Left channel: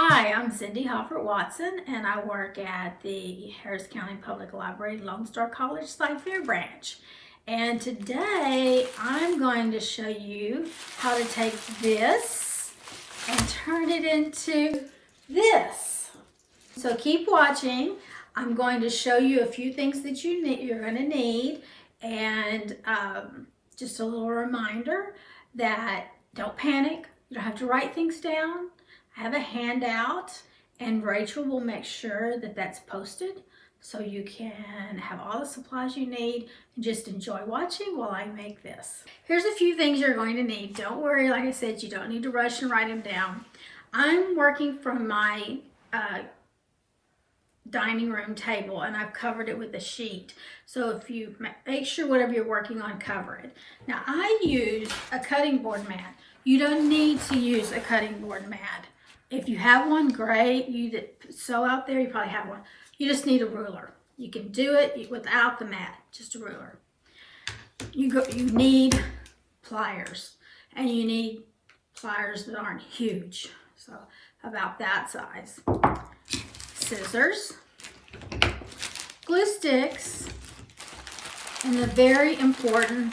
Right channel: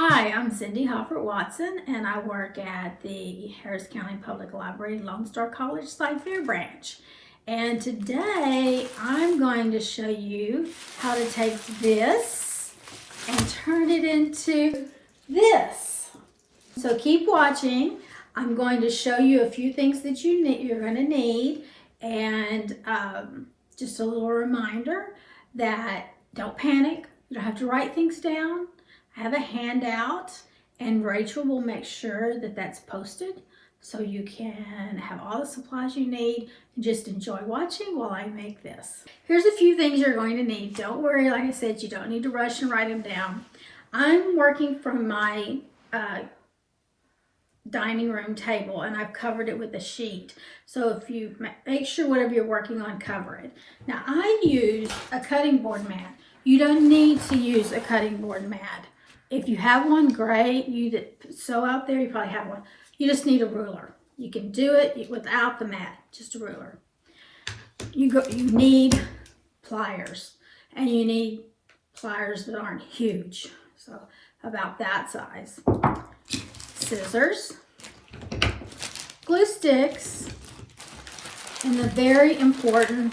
Hi, I'm Cindy Hoppert Watson, and I work at the Harris County Public Library, Lone Star College Site Fair branch. And today I'm going to show you how to take this and turn it into this. So keep watching. I'm going to show you a few things that you're going to need, and just a little reminder that don't panic. You don't have to write things down. I have a handout, and Rachel will make sure that that's posted so you can have all the supplies you need and just enjoy watching while I make this. Here's a few things you're going to need. Don't worry, like I said, you don't need to rush and write them down. I'm working from my dining room table, and I've covered it with a sheet. So if you make sure whatever you're working on, cover it. Now I use a cutting board mat. You don't need to use a cutting board mat. If you have one, great. You that sew out there, you probably have one. You just need a ruler. You can do it without the mat, just a ruler. You need pliers, and you need pliers that aren't huge, so about that size. Scissors, glue sticks, and the very important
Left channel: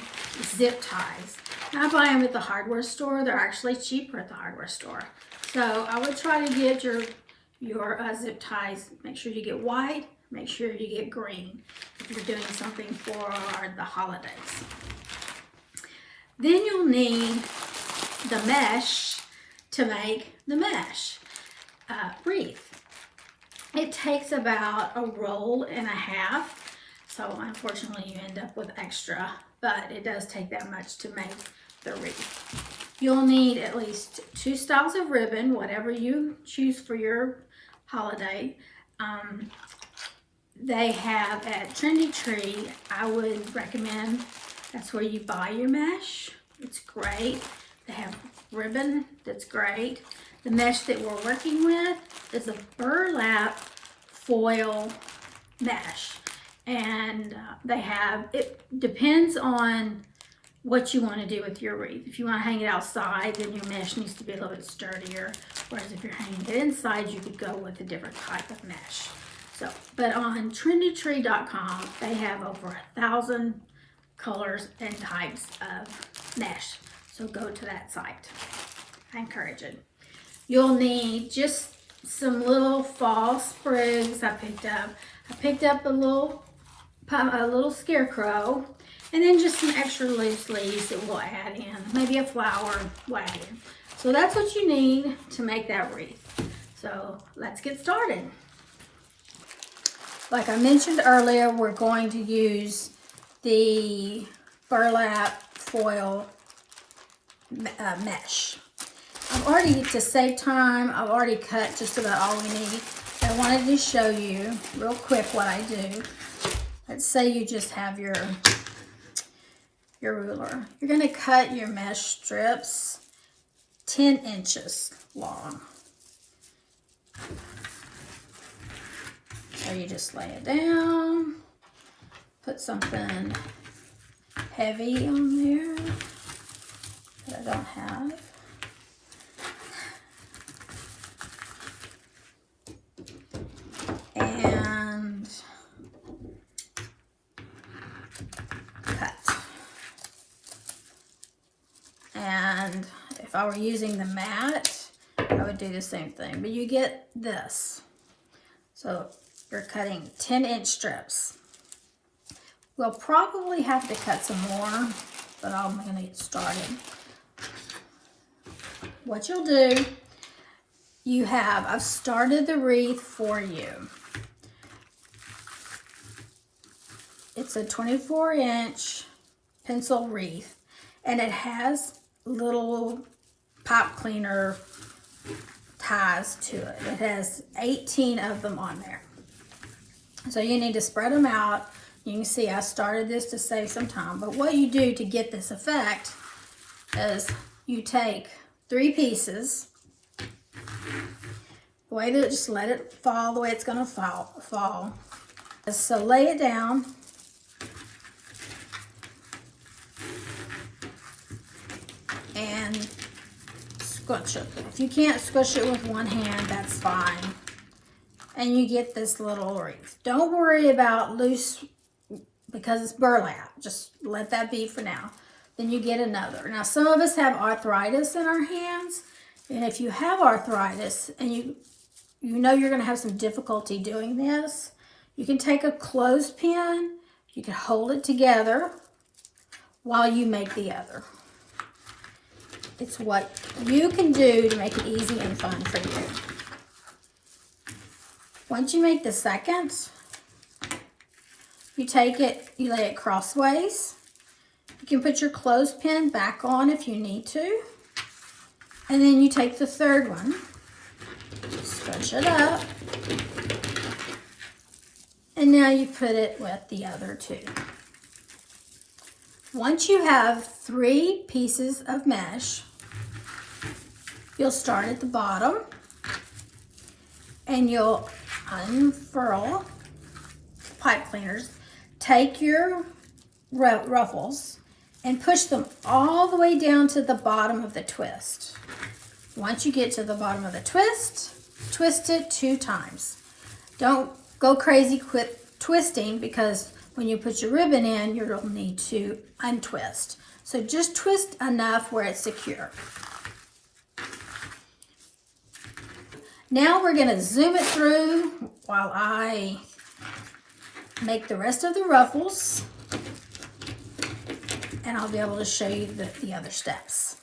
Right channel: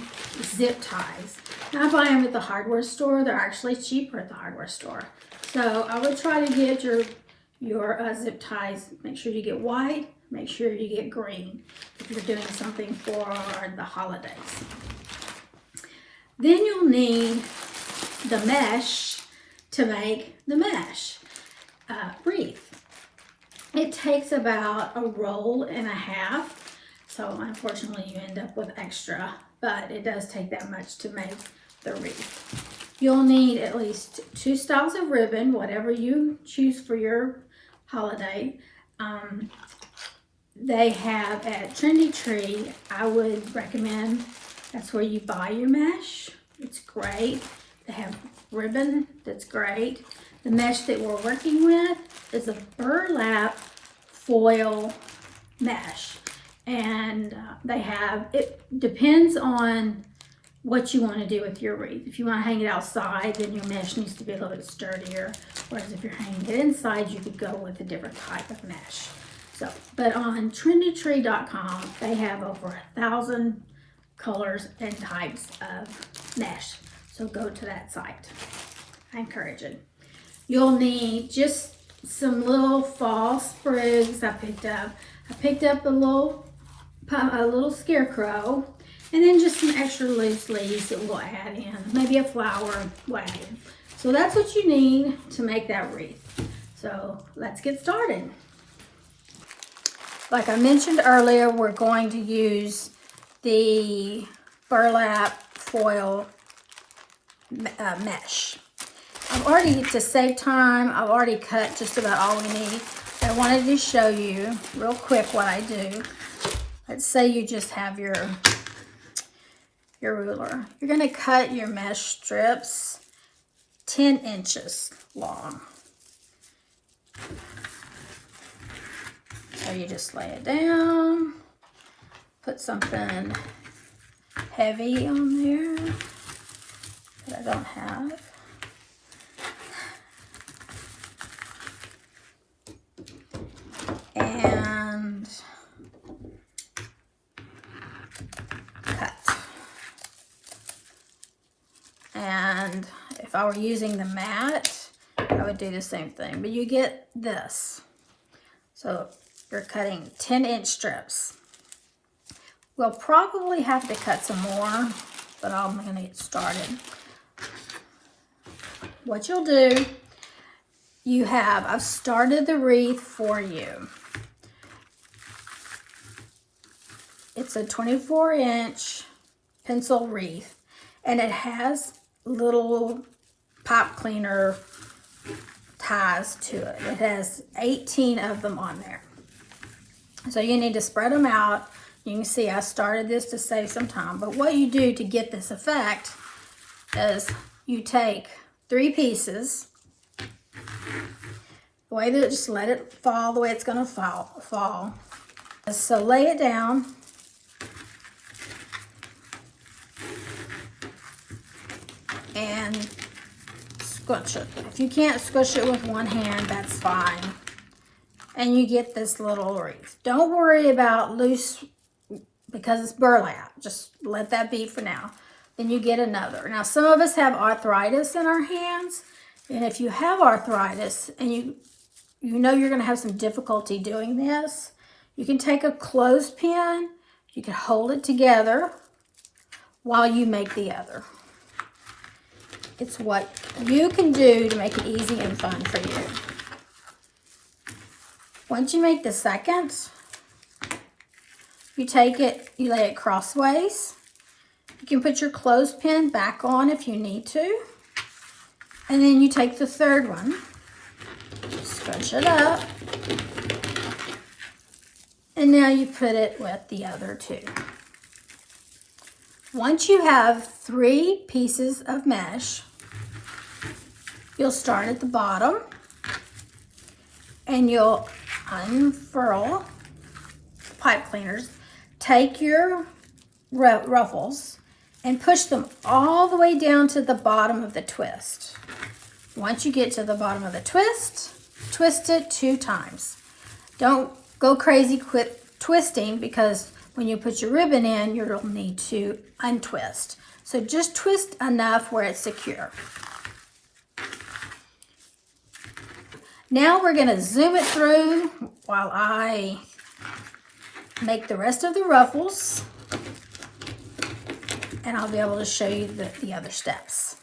zip ties. Now I buy them at the hardware store. They're actually cheaper at the hardware store. So I would try to get your zip ties. Make sure you get white. Make sure you get green if you're doing something for the holidays. Then you'll need the mesh to make the mesh wreath. It takes about a roll and a half. So unfortunately you end up with extra, but it does take that much to make the wreath. You'll need at least 2 styles of ribbon, whatever you choose for your holiday. They have at Trendy Tree, I would recommend, that's where you buy your mesh. It's great. They have ribbon that's great. The mesh that we're working with is a burlap foil mesh. And it depends on what you want to do with your wreath. If you want to hang it outside, then your mesh needs to be a little bit sturdier. Whereas if you're hanging it inside, you could go with a different type of mesh. So, but on trendytree.com, they have over 1,000 colors and types of mesh. So go to that site. I encourage it. You'll need just some little fall sprigs I picked up. I picked up a little scarecrow, and then just some extra loose leaves that we'll add in. Maybe a flower we'll add in. So that's what you need to make that wreath. So let's get started. Like I mentioned earlier, we're going to use the burlap foil mesh. To save time, I've already cut just about all we need. I wanted to show you real quick what I do. Let's say you just have your ruler. You're going to cut your mesh strips 10 inches long. So you just lay it down, put something heavy on there that I don't have. And cut. And if I were using the mat, I would do the same thing, but you get this. So you're cutting 10-inch strips. We'll probably have to cut some more, but I'm going to get started. What you'll do, I've started the wreath for you. It's a 24-inch pencil wreath, and it has little pipe cleaner ties to it. It has 18 of them on there. So you need to spread them out. You can see I started this to save some time, but what you do to get this effect is you take 3 pieces, the way that just let it fall the way it's going to fall. So lay it down. And squish it. If you can't squish it with one hand, that's fine. And you get this little wreath. Don't worry about loose because it's burlap. Just let that be for now. Then you get another. Now, some of us have arthritis in our hands. And if you have arthritis and you know you're going to have some difficulty doing this, you can take a clothespin. You can hold it together while you make the other. It's what you can do to make it easy and fun for you. Once you make the second, you take it, you lay it crossways. You can put your clothespin back on if you need to. And then you take the third one, stretch it up, and now you put it with the other two. Once you have 3 pieces of mesh, you'll start at the bottom and you'll unfurl the pipe cleaners, take your ruffles and push them all the way down to the bottom of the twist. Once you get to the bottom of the twist, twist it 2 times. Don't go crazy twisting because when you put your ribbon in, you'll need to untwist. So just twist enough where it's secure. Now we're going to zoom it through while I make the rest of the ruffles, and I'll be able to show you the other steps.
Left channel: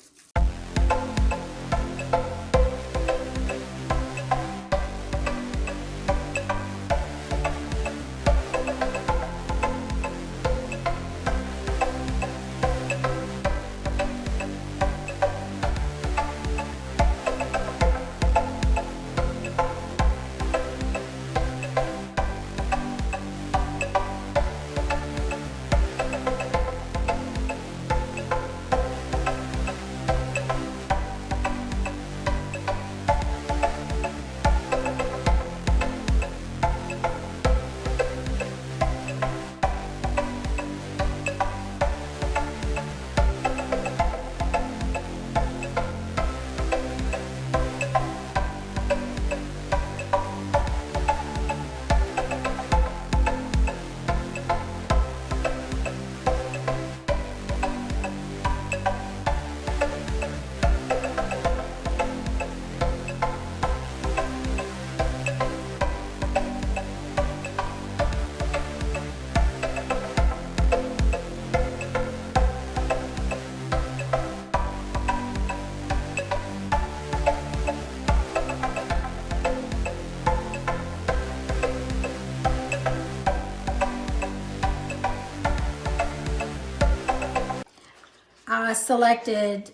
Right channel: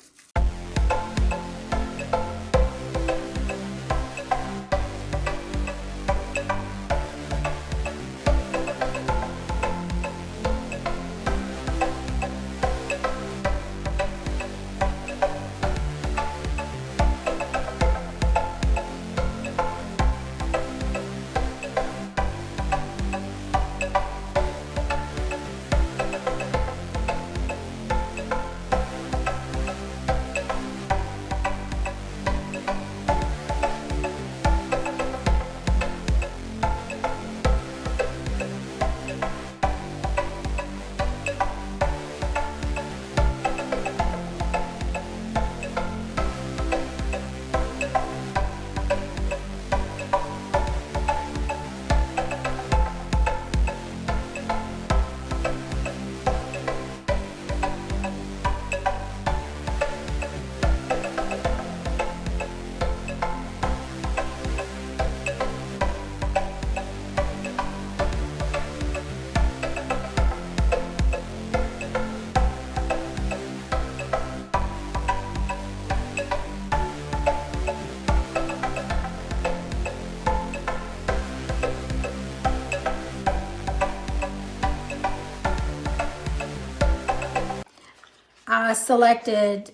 I selected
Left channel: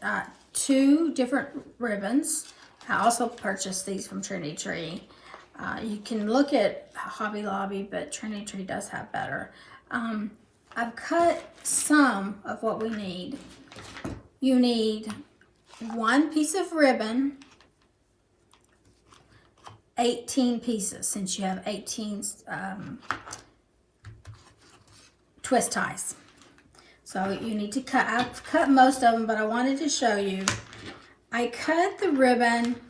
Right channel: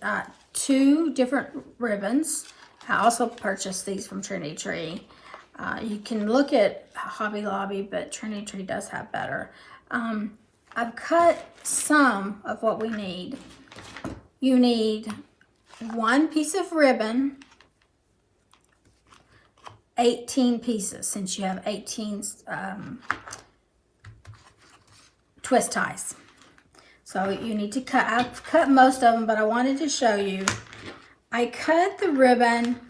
2 different ribbons. I also purchased these from Trinity Tree. You can look at Hobby Lobby, but Trinity Tree does have better. I've cut some of what we need. You need 1 piece of ribbon, 18 pieces, since you have 18 twist ties. So you need to cut. I've cut most of them, but I wanted to show you. I cut the ribbon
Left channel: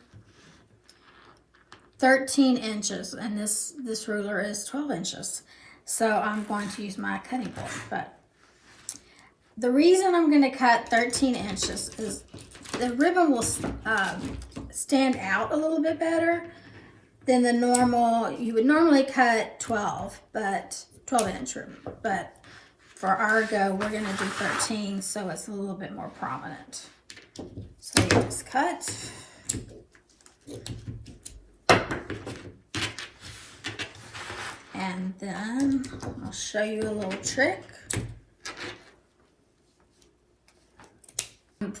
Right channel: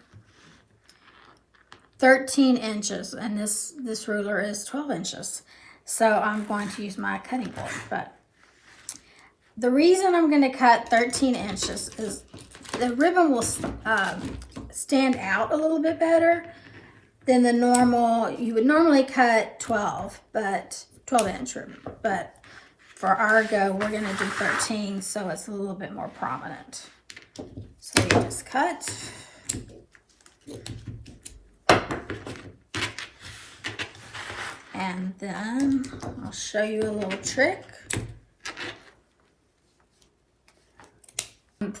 13 inches, and this ruler is 12 inches. So I'm going to use my cutting board. But the reason I'm going to cut 13 inches is the ribbon will stand out a little bit better than the normal. You would normally cut 12 inch ribbon, but for our go, we're going to do 13, so it's a little bit more prominent. So you just cut. And then I'll show you a little trick.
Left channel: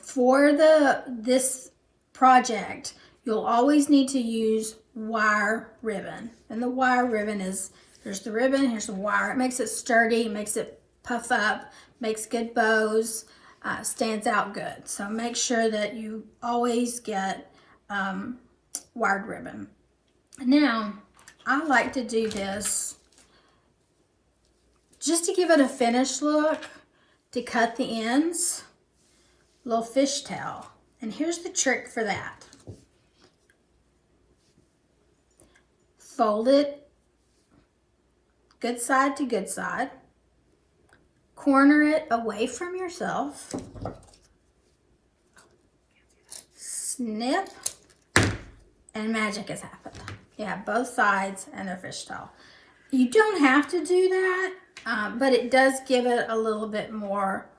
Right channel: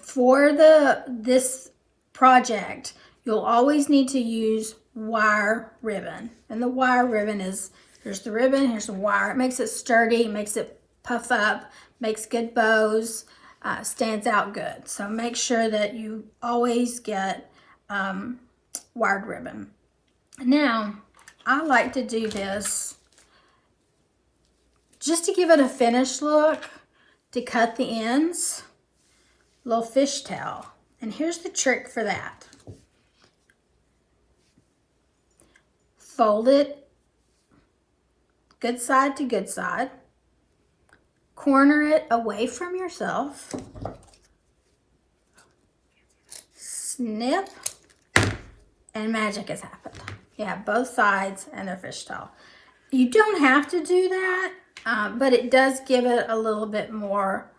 For this project, you'll always need to use wire ribbon. And the wire ribbon is, here's the ribbon, here's the wire. It makes it sturdy, makes it puff up, makes good bows, stands out good. So make sure that you always get wired ribbon. Now, I like to do this just to give it a finished look, to cut the ends, little fishtail. And here's the trick for that. Fold it good side to good side. Corner it away from yourself. Snip, and magic has happened. You have both sides and they're fishtail. You don't have to do that, but it does give it a little bit more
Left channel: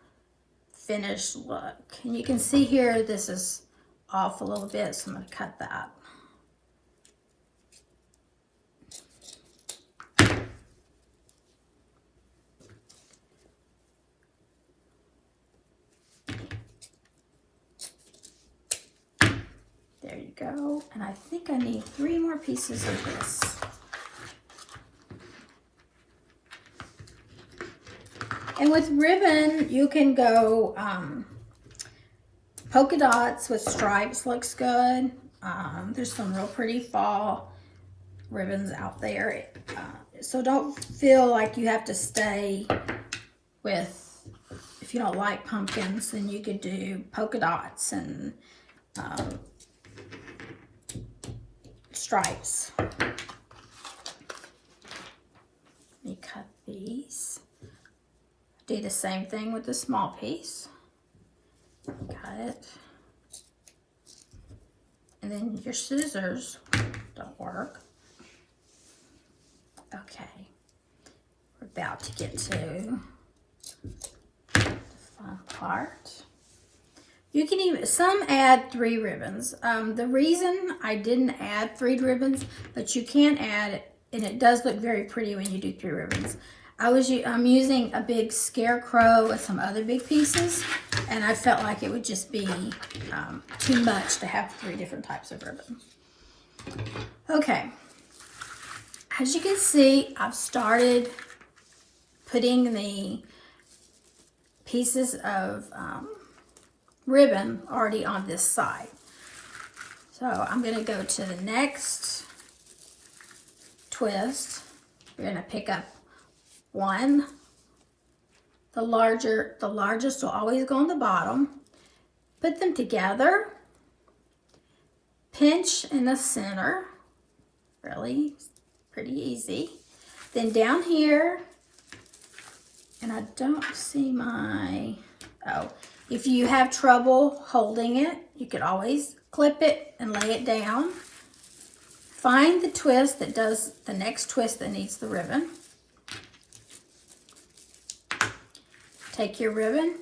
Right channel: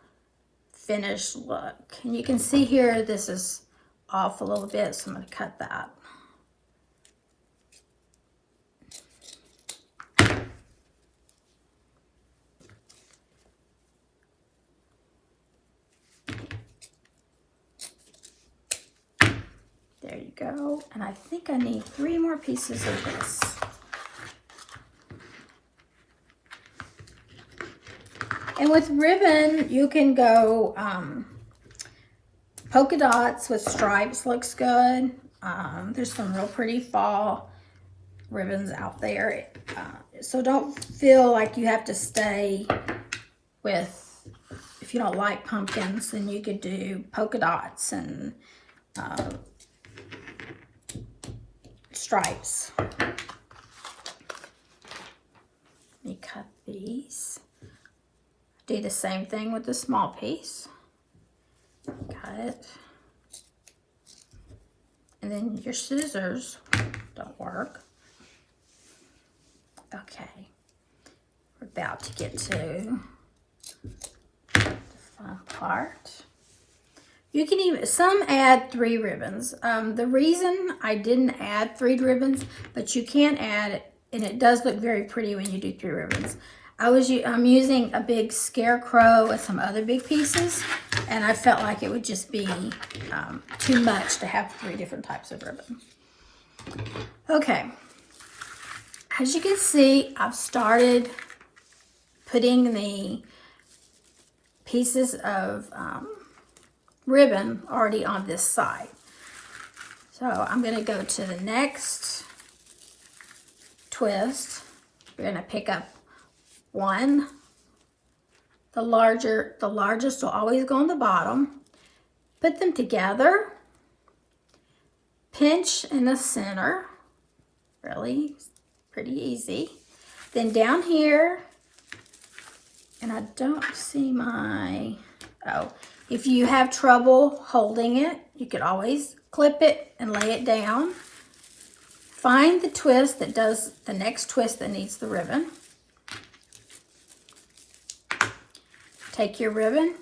finished look. And you can see here, this is off a little bit, so I'm going to cut that. There you go. And I think I need 3 more pieces of this. And with ribbon, you can go polka dots with stripes looks good. There's some real pretty fall ribbons out there. So don't feel like you have to stay with, if you don't like pumpkins, then you could do polka dots and stripes. Let me cut these. Do the same thing with the small piece. Cut it. And then your scissors don't work. Okay. We're about to get to the fun part. You can even, some add 3 ribbons. The reason I didn't add 3 ribbons, but you can add it, and it does look very pretty when you do 3 ribbons. I'm using a big scarecrow with some other big pieces, and I felt like it would just be too much to have 3 different types of ribbon. Okay, as you can see, I've started putting the pieces of ribbon already on this side. So I'm going to go to the next twist. We're going to pick up 1. The largest will always go on the bottom. Put them together. Pinch in the center. Really pretty easy. Then down here, and I don't see my, if you have trouble holding it, you could always clip it and lay it down. Find the twist that does the next twist that needs the ribbon. Take your ribbon,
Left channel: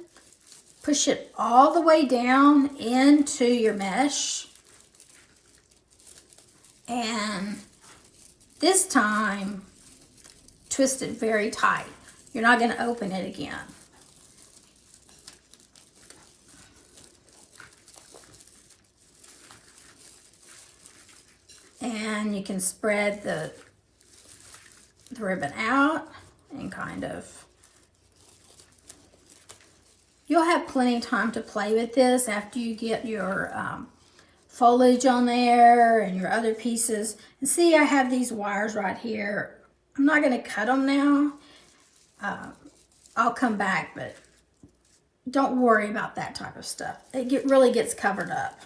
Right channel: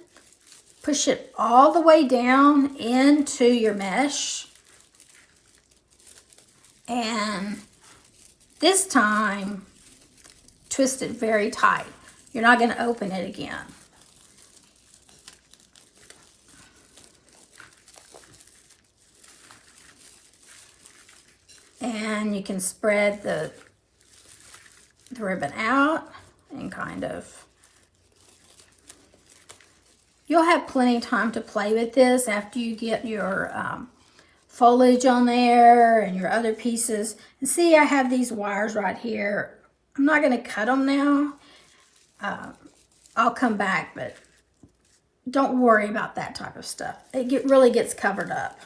push it all the way down into your mesh, and this time twist it very tight. You're not going to open it again. And you can spread the ribbon out and kind of, you'll have plenty of time to play with this after you get your foliage on there and your other pieces. And see, I have these wires right here. I'm not going to cut them now. I'll come back, but don't worry about that type of stuff. It really gets covered up.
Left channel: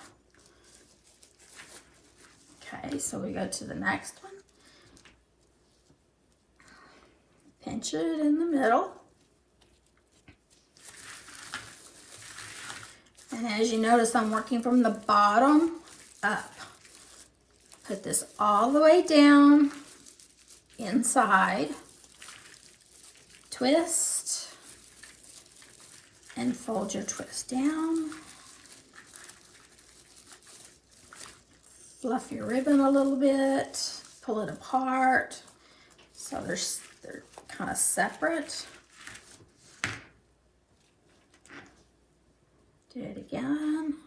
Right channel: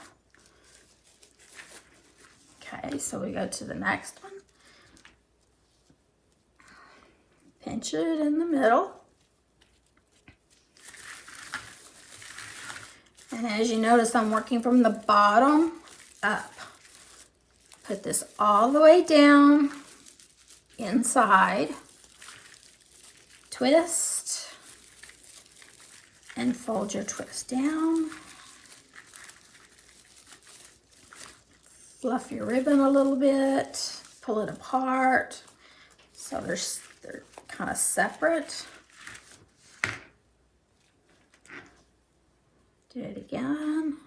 Okay, so we go to the next one. Pinch it in the middle. And as you notice, I'm working from the bottom up. Put this all the way down inside. Twist. And fold your twist down. Fluff your ribbon a little bit. Pull it apart. So they're kind of separate. Do it again.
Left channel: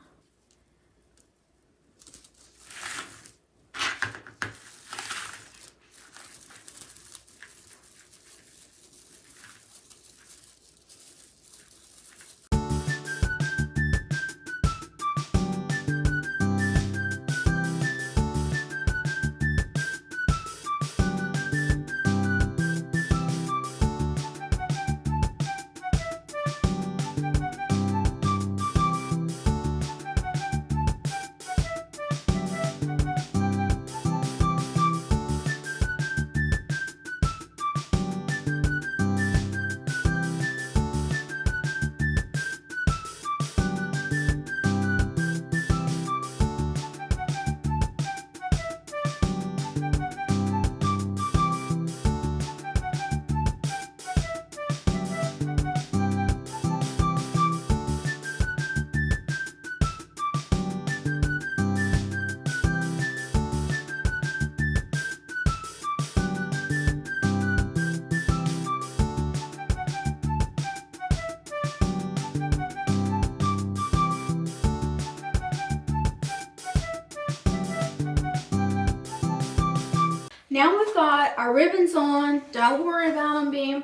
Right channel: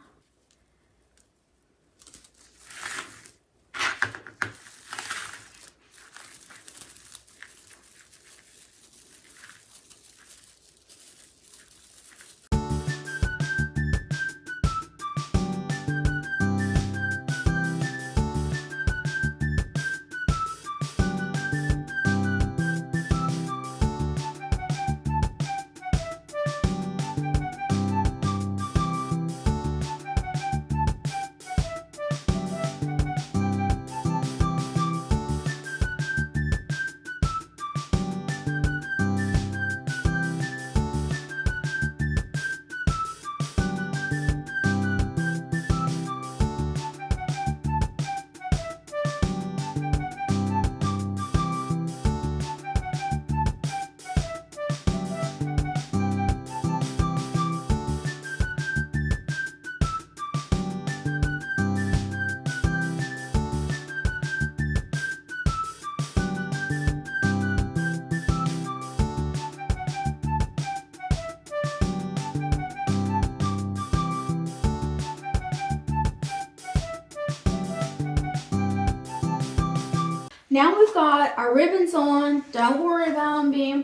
now we've got our ribbons on. Don't worry about them being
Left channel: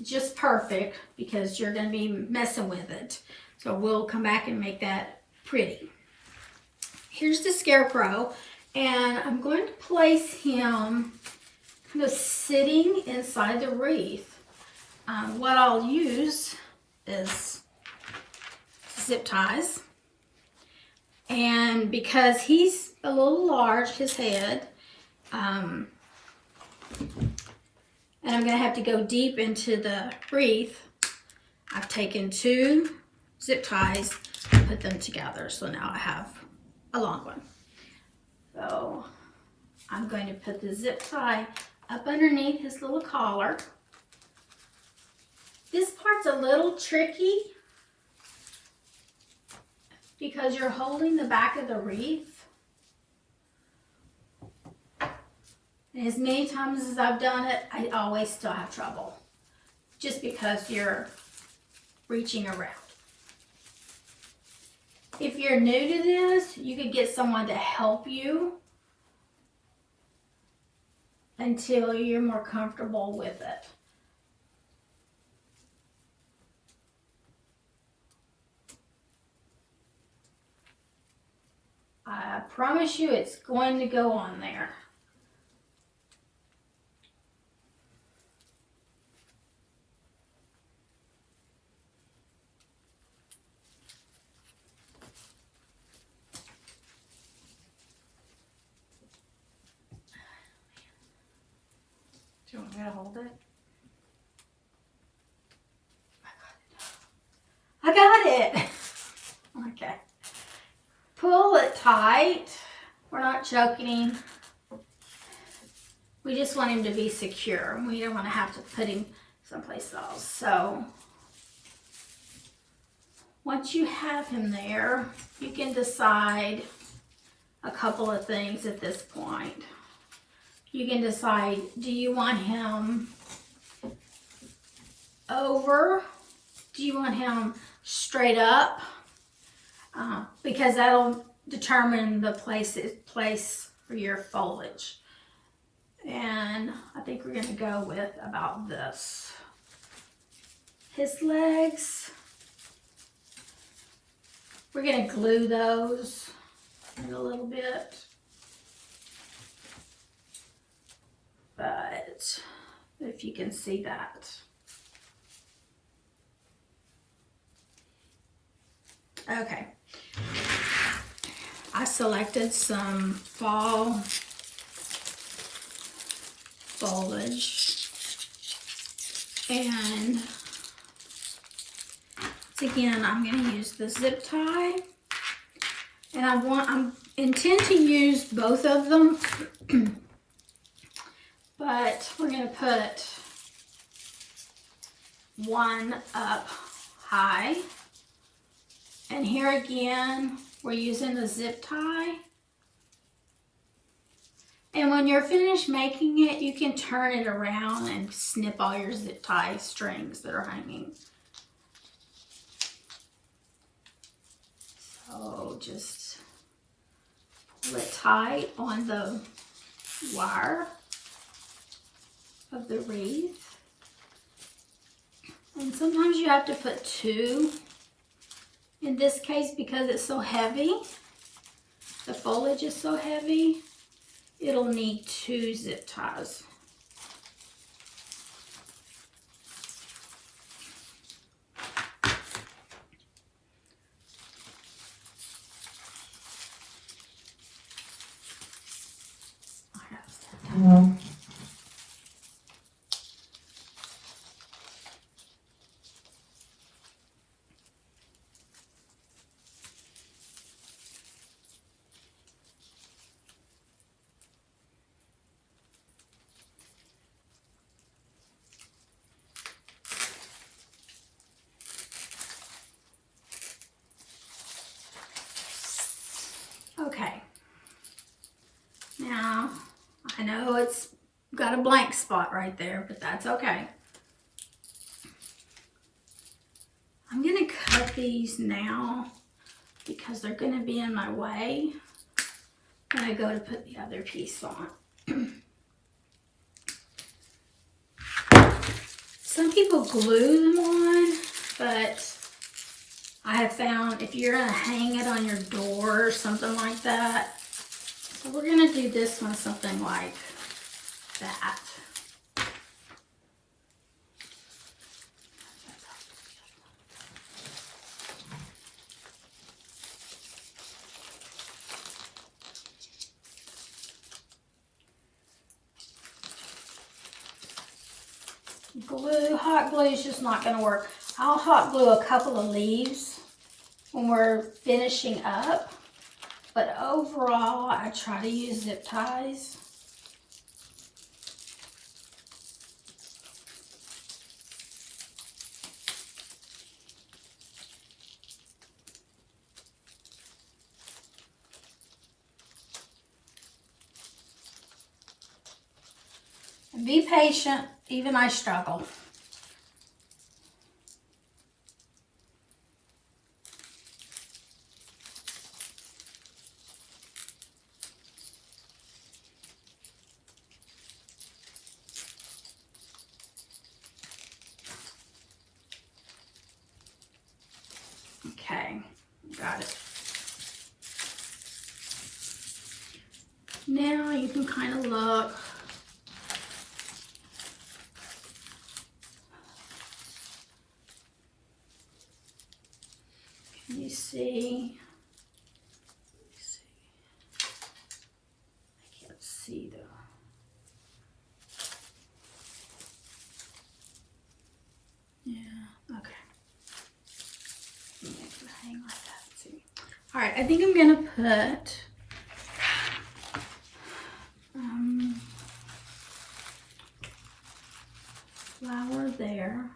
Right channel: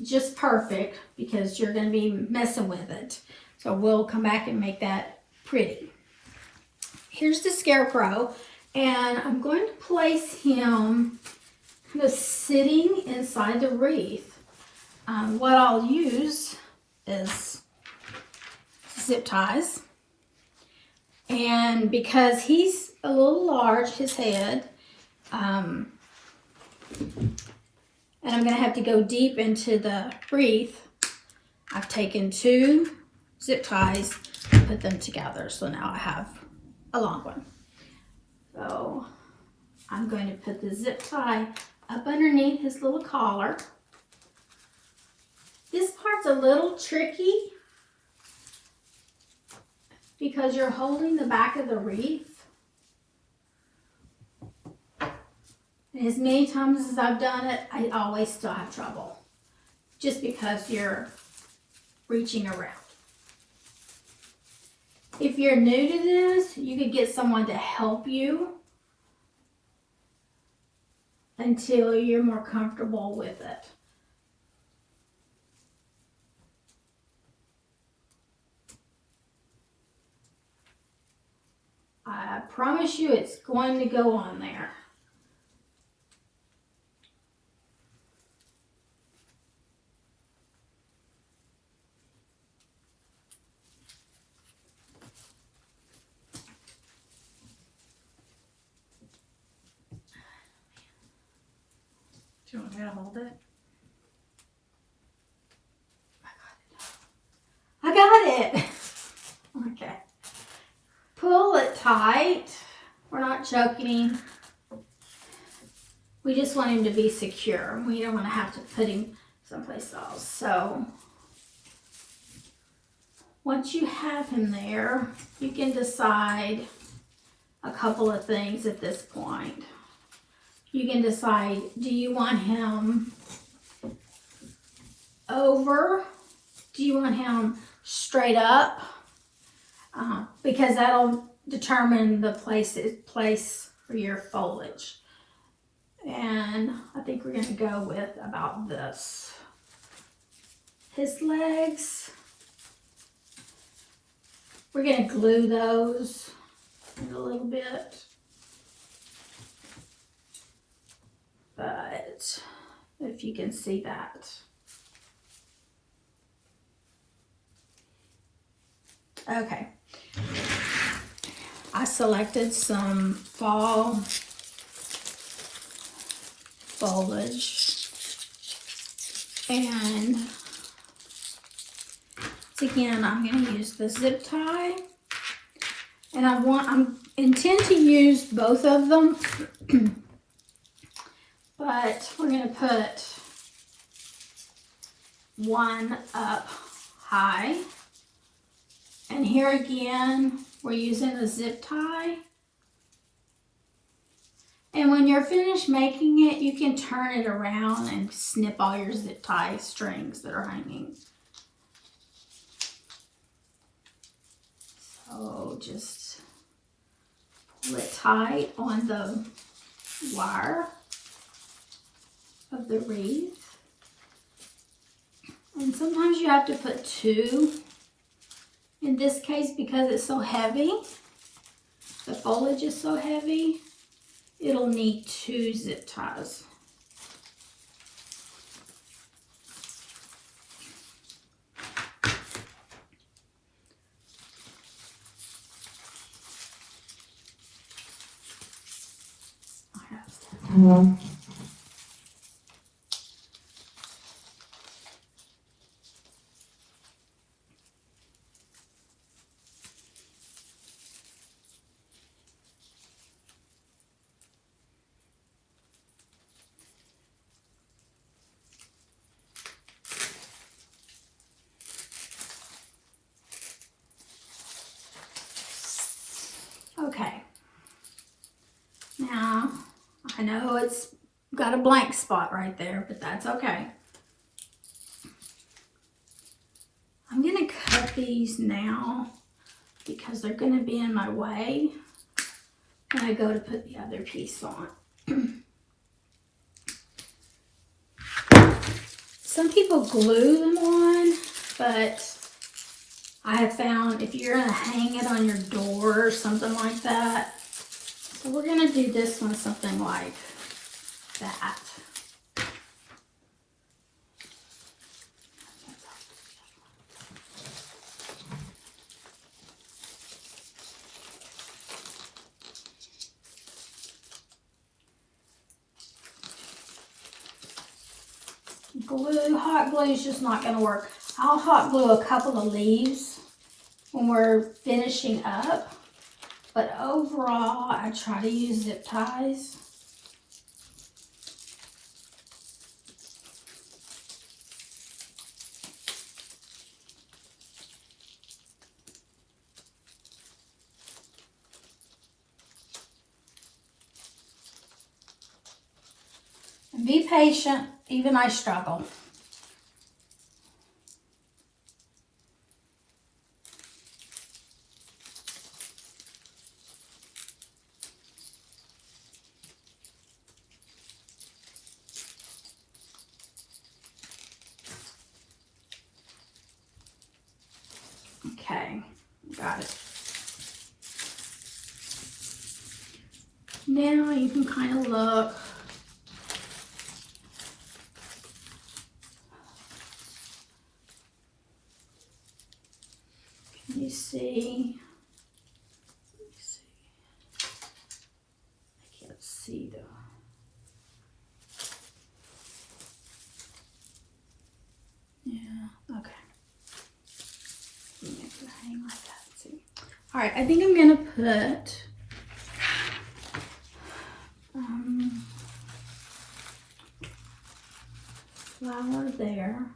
just perfect because you're going to be messing with it. So we'll come back and make that pretty. Here's the scarecrow, and I'm going to place him kind of sitting inside the wreath. What I'll use is zip ties, and because he's a little large, his head, and I'm going to have to go deep into the wreath, I've taken 2 zip ties and put them together. So now I have a long one. So I'm going to put the zip tie up underneath his little collar. This part's a little tricky because you're holding the back of the wreath. And as many times as I've done it, I always still have trouble just because you're reaching around. If you're new to this, you could get someone to help you until you're more comfortable with it. I promise you it's going to go on there. Do you want me to hold it? I got it. Okay. Pull it tight. We're not choking him. We just want him to be secure. We don't want to have to put him someplace else. So once you have him there, you can decide a couple of things at this point. You can decide, do you want him over? Do you want him straight up? Because that'll determine the place for your foliage. And I think we're going to go with about this. His legs, we're going to glue those a little bit. But if you can see that. Okay. I selected some fall foliage, and again I'm going to use the zip tie, and I intend to use both of them, but we're going to put one up high, and here again we're using a zip tie. And when you're finished making it, you can turn it around and snip all your zip tie strings that are hanging. So just pull it tight on the wire of the wreath. And sometimes you have to put 2. In this case, because it's so heavy, the foliage is so heavy, it'll need 2 zip ties. Okay, now I know it's got a blank spot right there, but that's okay. I'm going to cut these now because they're going to be in my way when I go to put the other piece on. Some people glue them on, but I have found if you're gonna hang it on your door or something like that, so we're gonna do this one something like that. Glue, hot glue is just not going to work. I'll hot glue a couple of leaves when we're finishing up, but overall I try to use zip ties. And be patient, even I struggle. Okay, got it. Now you can kind of look. Can you see? Let me see. I can't see though. Yeah, okay. Make it hang like that. Let's see. All right, I think I'm gonna put flower there.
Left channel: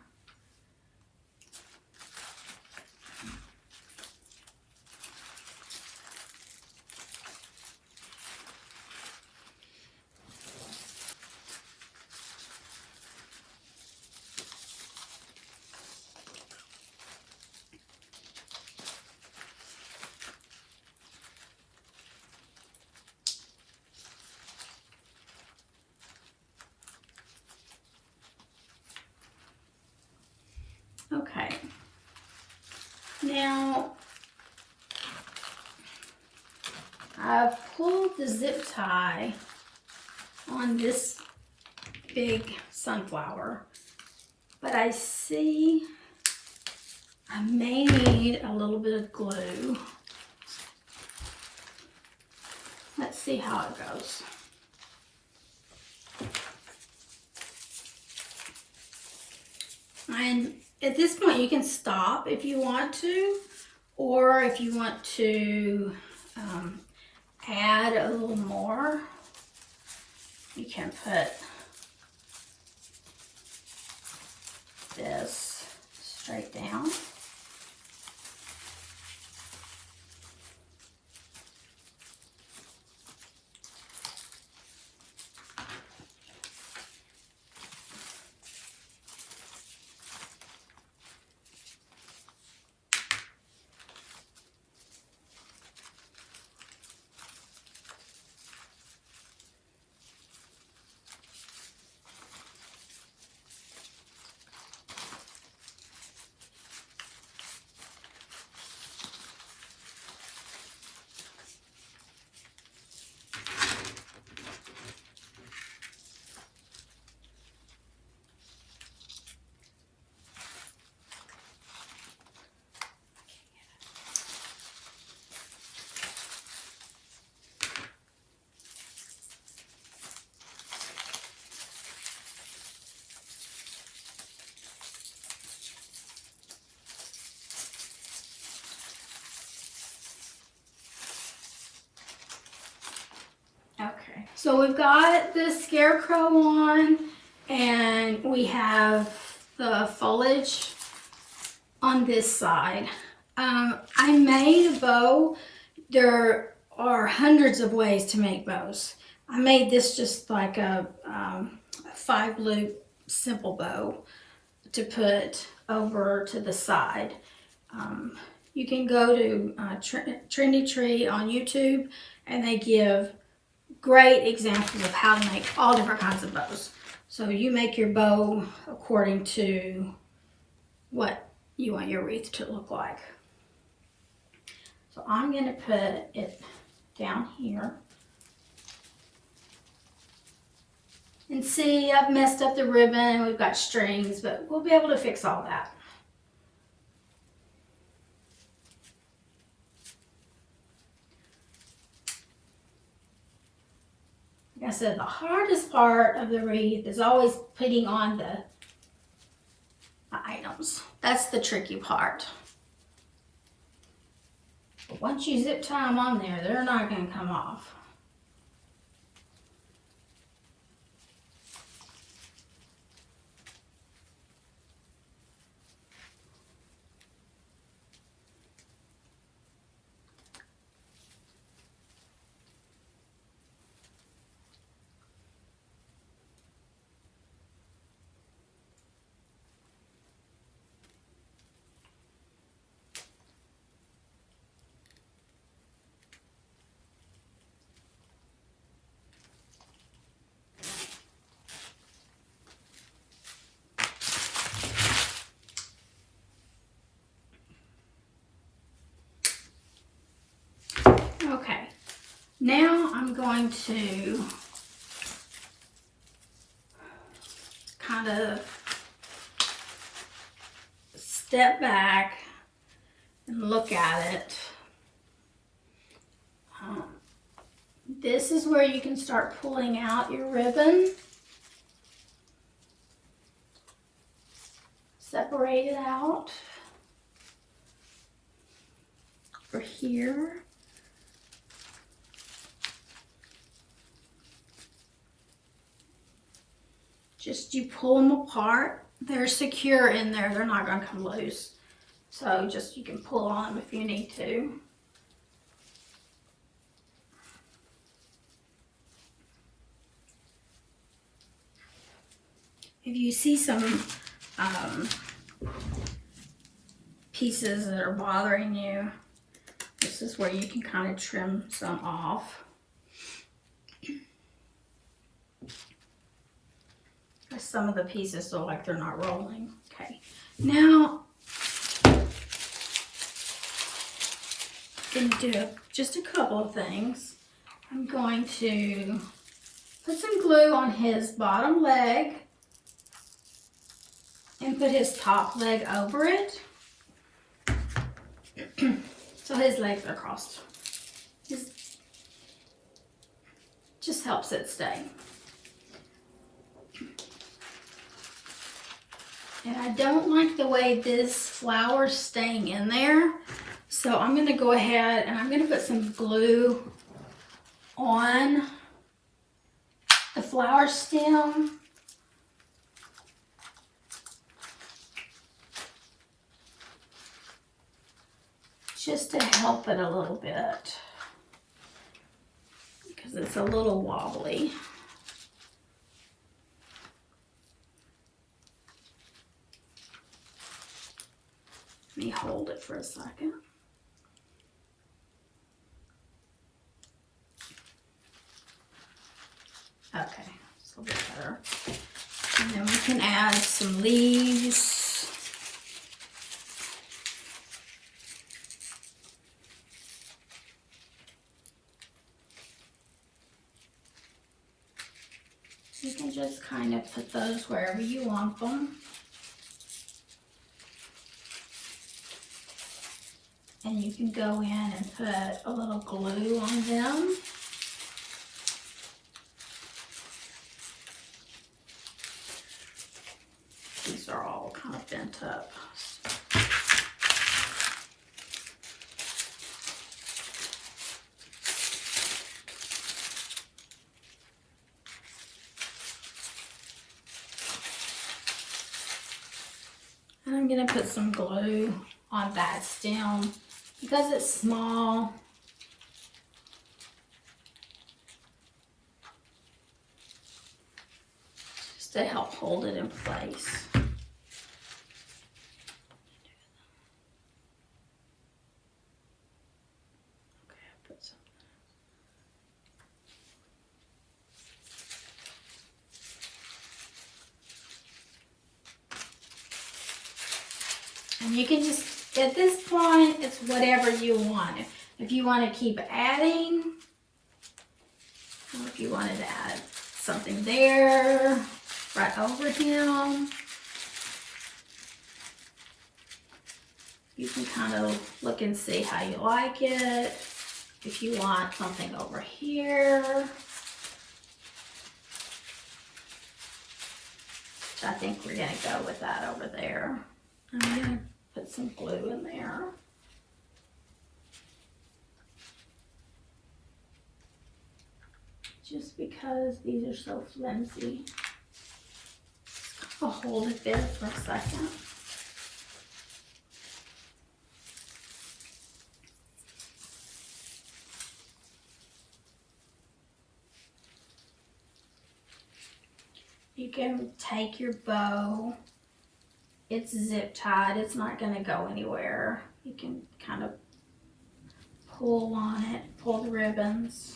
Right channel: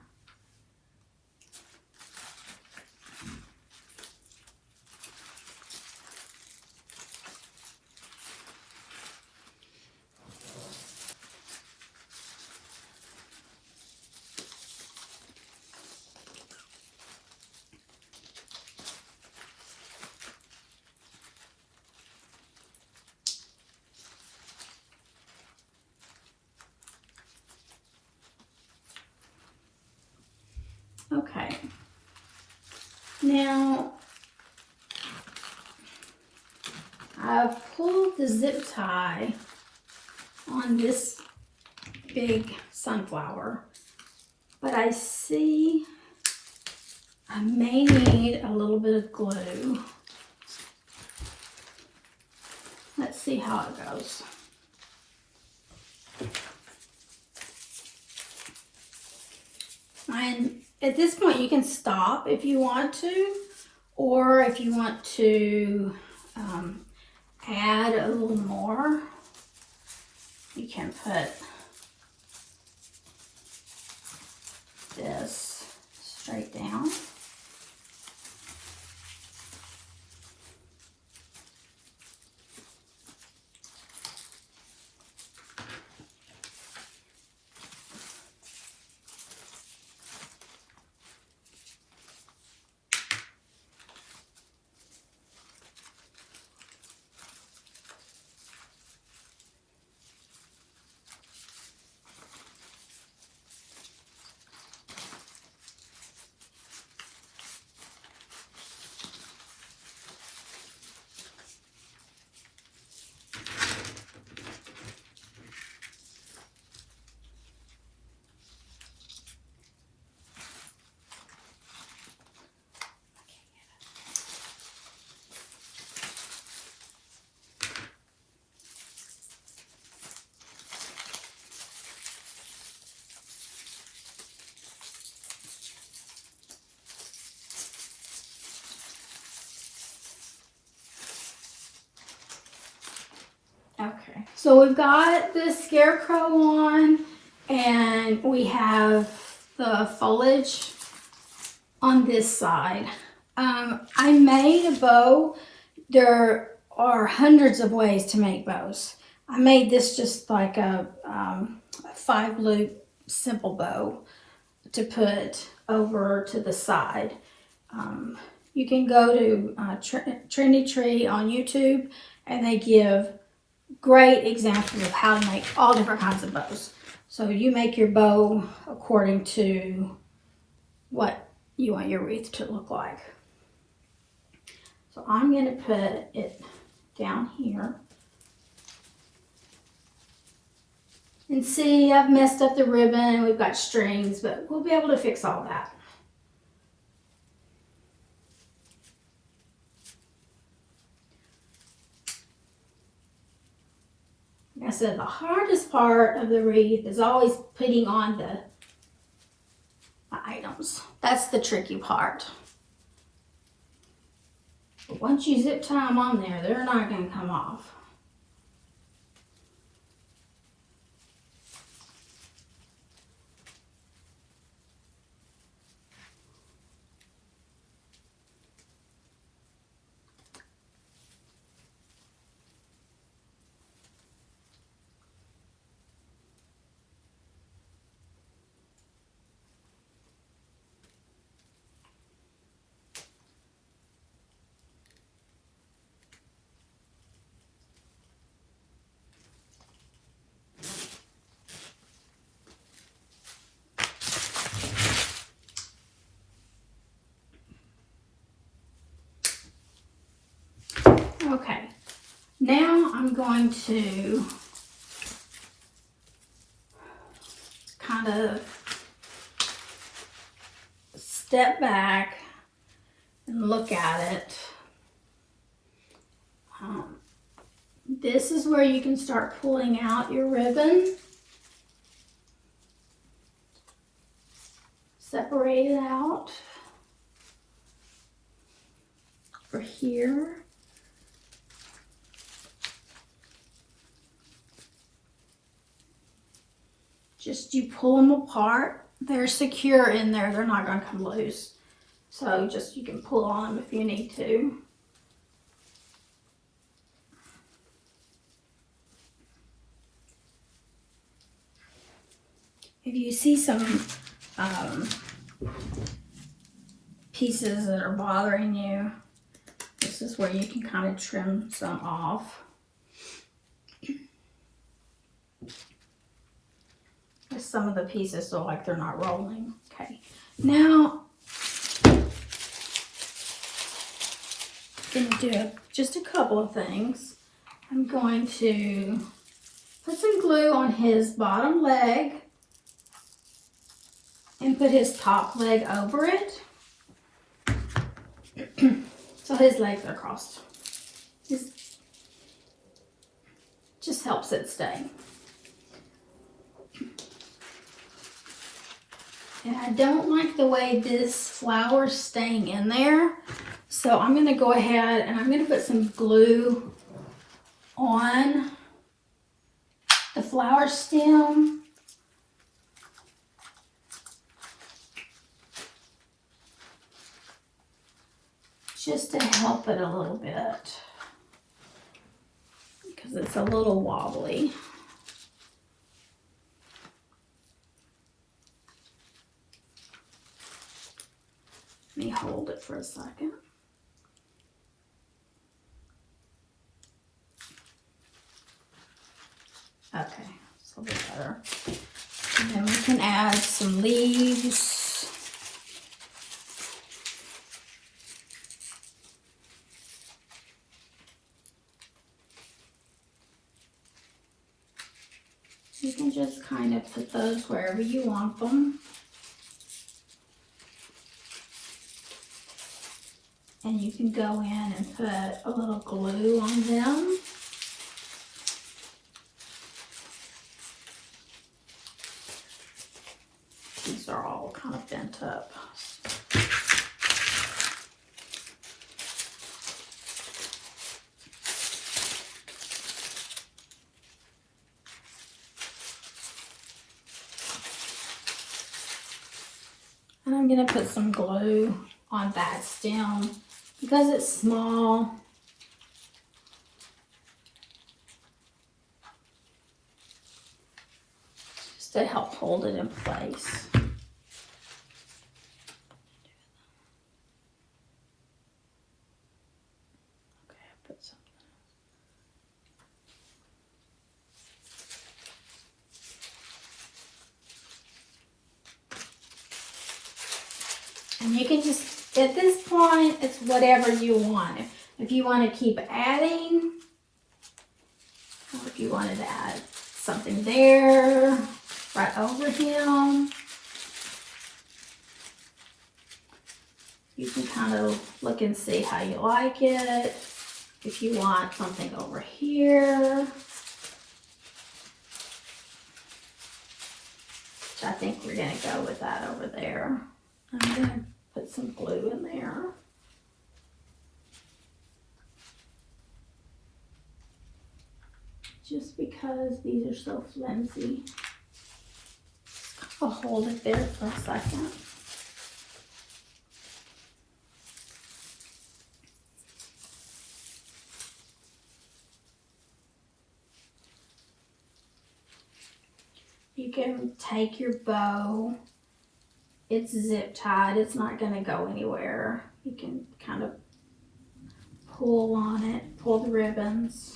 Okay, now I've pulled the zip tie on this big sunflower, but I see I may need a little bit of glue. Let's see how it goes. And at this point you can stop if you want to, or if you want to add a little more, you can put this straight down. Okay, so we've got the scarecrow on, and we have the foliage on this side. I made a bow. There are hundreds of ways to make bows. I made this just like a 5-loop simple bow to put over to the side. You can go to Trendy Tree on YouTube, and they give great examples of how to make all different kinds of bows. So you make your bow according to what you want your wreath to look like. So I'm going to put it down here. And see, I've messed up the ribbon and we've got strings, but we'll be able to fix all that. Like I said, the hardest part of the wreath is always putting on the items. That's the tricky part. But once you zip tie them on there, they're not going to come off. Okay, now I'm going to kind of step back and look at it. This is where you can start pulling out your ribbon. Separate it out for here. Just you pull them apart. They're secure in there. They're not going to come loose. So just you can pull on them if you need to. If you see some pieces that are bothering you, this is where you can kind of trim some off. Some of the pieces look like they're not rolling. Okay, now I'm going to do just a couple of things. I'm going to put some glue on his bottom leg and put his top leg over it. So his legs are crossed. Just helps it stay. And I don't like the way this flower's staying in there. So I'm going to go ahead and I'm going to put some glue on the flower stem. Just to help it a little bit. Because it's a little wobbly. Let me hold it for a second. Okay, it's a little bit better. And then we can add some leaves. You can just kind of put those wherever you want them. And you can go in and put a little glue on them. These are all kind of bent up. And I'm going to put some glue on that stem. Because it's small, just to help hold it in place. Okay, I put something. And you can just, at this point, it's whatever you want. If you want to keep adding, or if you wanted to add something there, right over him, you can kind of look and see how you like it. If you want something over here, I think we're going to go with that over there. I'm going to put some glue in there. Just because these are so flimsy. I'll hold it there for a second. You can take your bow. It's zip tied. It's not going to go anywhere. You can kind of pull on it, pull the ribbons.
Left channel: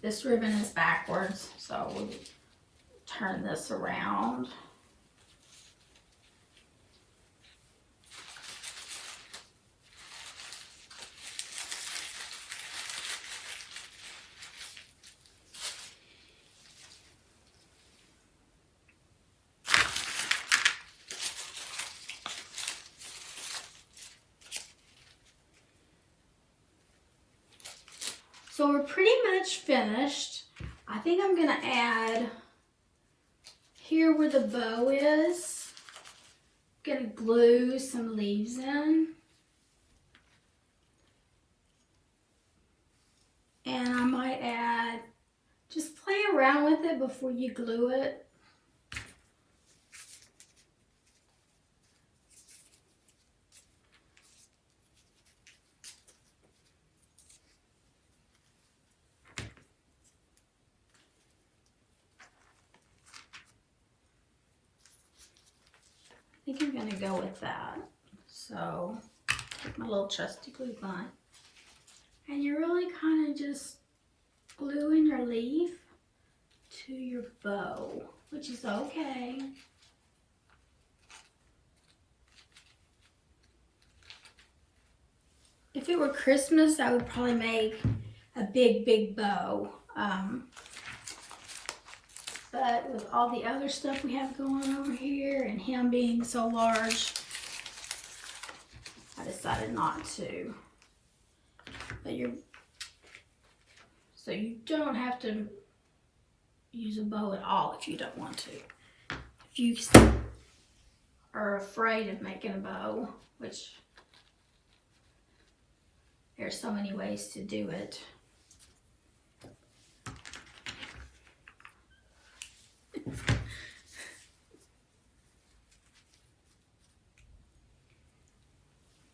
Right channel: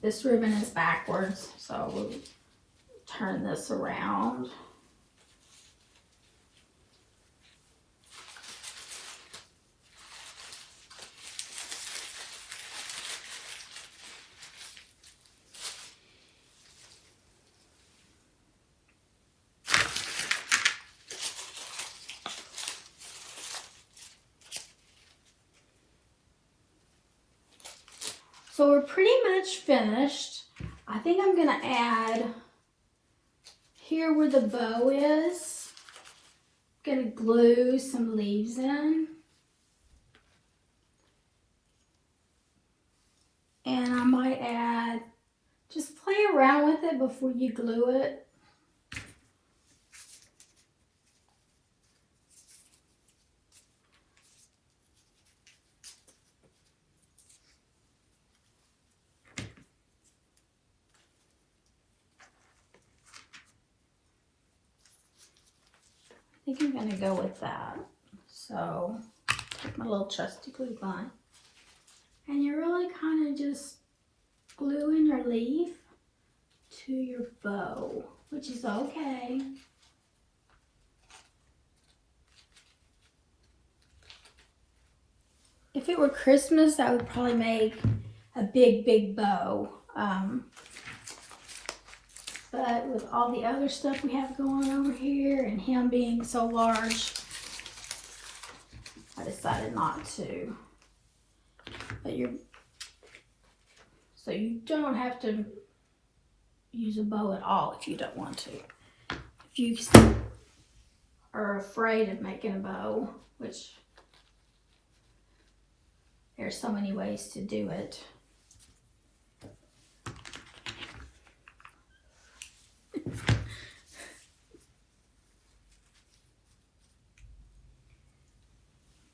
This ribbon is backwards, so we'll turn this around. So we're pretty much finished. I think I'm gonna add here where the bow is. I'm gonna glue some leaves in. And I might add, just play around with it before you glue it. I think I'm going to go with that. So, take my little trusty glue gun. And you're really kind of just gluing your leaf to your bow, which is okay. If it were Christmas, I would probably make a big bow. But with all the other stuff we have going on over here and him being so large, I decided not to. But so you don't have to use a bow at all if you don't want to. If you are afraid of making a bow, which there's so many ways to do it.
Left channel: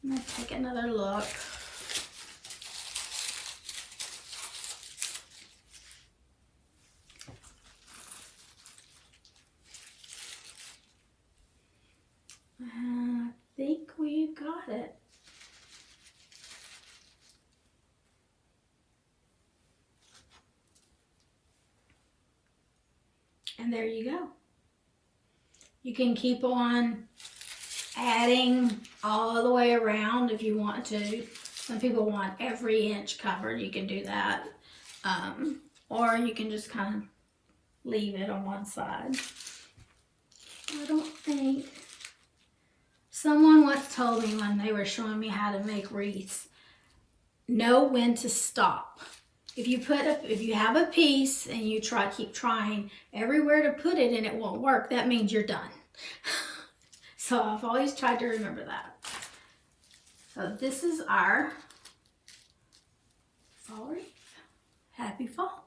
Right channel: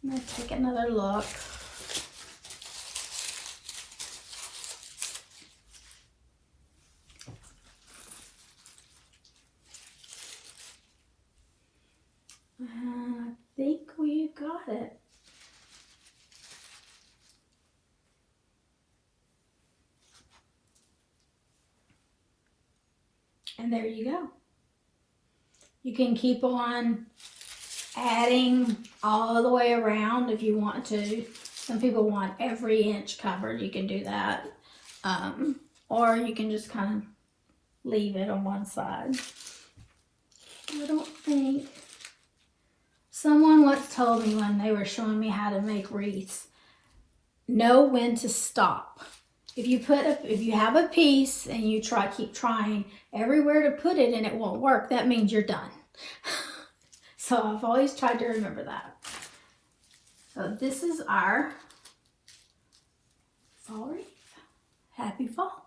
I'm going to take another look. I think we got it. And there you go. You can keep on adding all the way around if you want to. Some people want every inch covered. You can do that. Or you can just kind of leave it on one side. I don't think... Someone once told me when they were showing me how to make wreaths, know when to stop. If you have a piece and you keep trying everywhere to put it and it won't work, that means you're done. So I've always tried to remember that. So this is our fall wreath. Happy fall.